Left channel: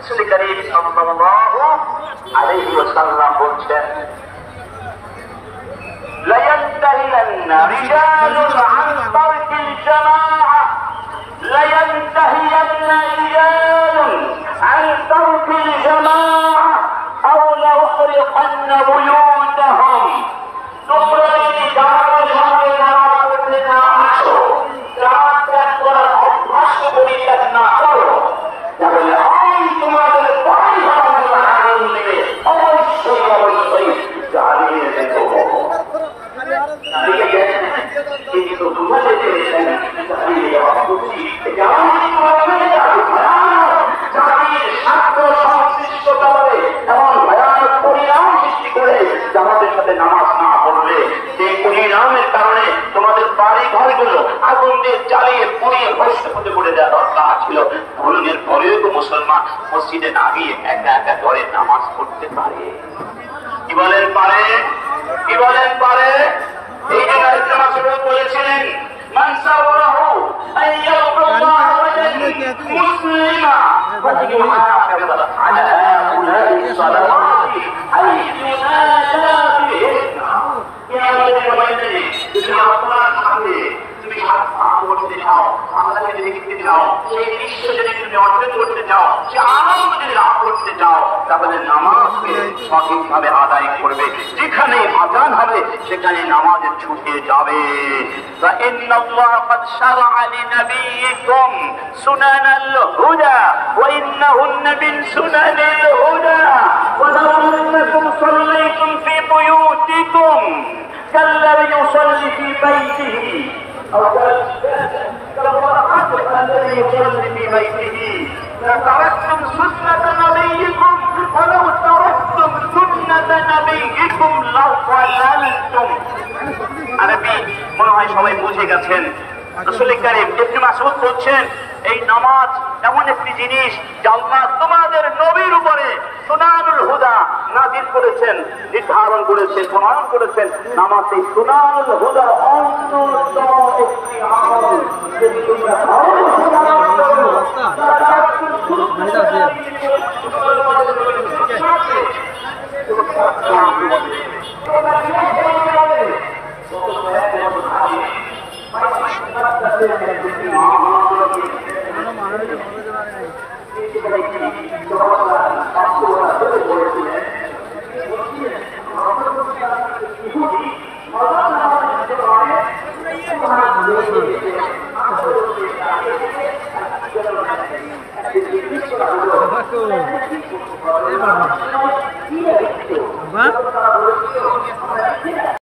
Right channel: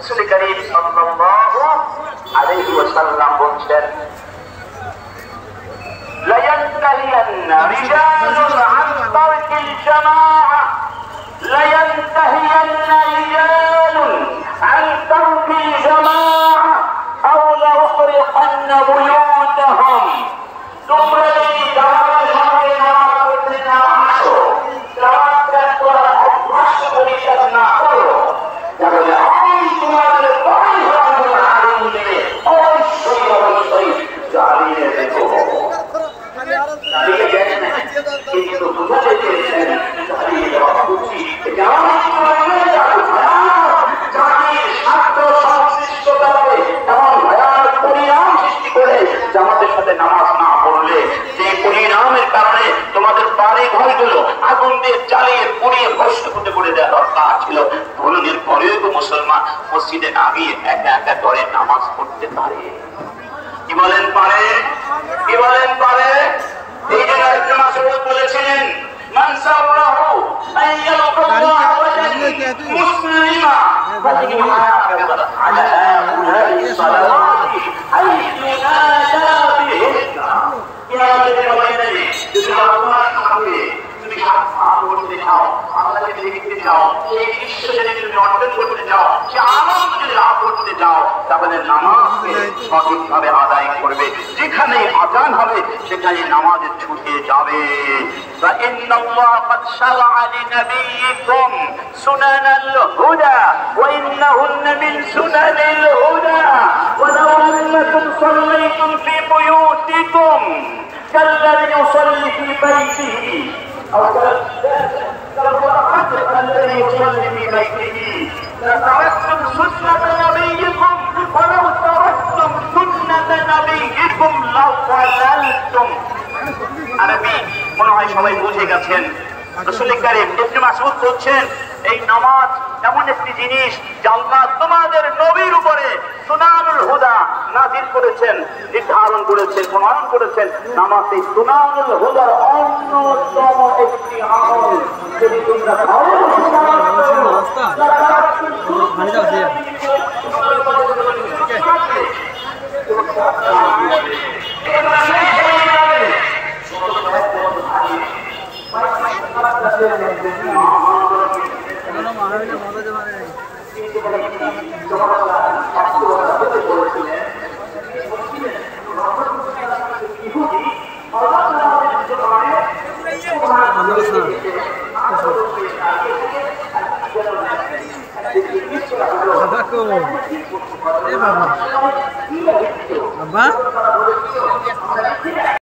রাসূল করিম সাল্লাল্লাহু আলাইহি ওয়াসাল্লাম বলছেন লা ইয়ানতাহিয়ান্না রিজালুন আন তারকিল জামাআহ لا ينتهين رجال عن ترك الجماعة أو ليحرقن بيوتهم ثم جماعة সঙ্গে নামাজ পড়তে না আসো জামাতের তোমরা অভ্যাস করিয়ে না করো তাহলে আমি তোমাদের বাড়ি হওয়ার আগুন থেকে অবশ্যই জ্বালিয়ে দেবো কিন্তু বুঝতে পেরেছেন জামাতের সাথে নামাজ না পড়লে যে পরিণামের কারণে তোমাদের বাড়ি ঘরগুলো আগুন দিয়ে জ্বালিয়ে পুড়িয়ে ভস্ম করতে করে দেওয়া দরকার ছিল ধরনের পরেও মুসলমান মসজিদে নামিয়ে একা একা দরে নামাজ পড়তে পারে কি বলেন পারে কি বলেন পারে এই জন্য ইবনে মাসউদ বলেছিলেন মান সাওয়াহু আইয়াল্লাহু ওয়াজান মুসলিমা ফাতিকি মুহাফিজ আলা হাউলাই সালাওয়াতি আইয়ুনাদা বিহিন্না কিয়ামতের ময়দানে যদি আপনার সামনে তুমি হাত করতে চাও আল্লাহকে দেখতে চাও এই বিশ্ব যদি তুমি অর্জন করতে চাও সে আনন্দ যদি লাভ করতে চাও তাহলে নামাজকে সঠিকভাবে আদায় করবে যেখানে আযান হবে সেখানে নামাজে ছুটে যাবে ওয়া ইন্নাল্লাহ ক্বাদ শারা'a লিনাবিয়িকুম সুনানাল হুদা ওয়া ইন্নাহুন্না মিন সুনানিল হুদা ওয়া লাউ annakum sallaytum fi buyutikum kalladhi yusalli fi baytihi أو كالمتحدث الذي يصلي في بيته لتركتم سنة نبيكم ولو تركتم سنة نبيكم لضللتم আরবি মনে হয় সবাই বুঝে গেছেন রাসূল করিম ইবনে মাসউদ বলছেন এই নামাজ এমন একটি জিনিস যা আল্লাহ তোমাদের নবীর উপরে সুনানুল হুদা নাযিল করেছেন নির্ধারণ করেছেন প্রণয়ন করেছেন নামাজ এই সুনানুল হুদার অন্যতম একটি আমল যদি তোমরা Apa?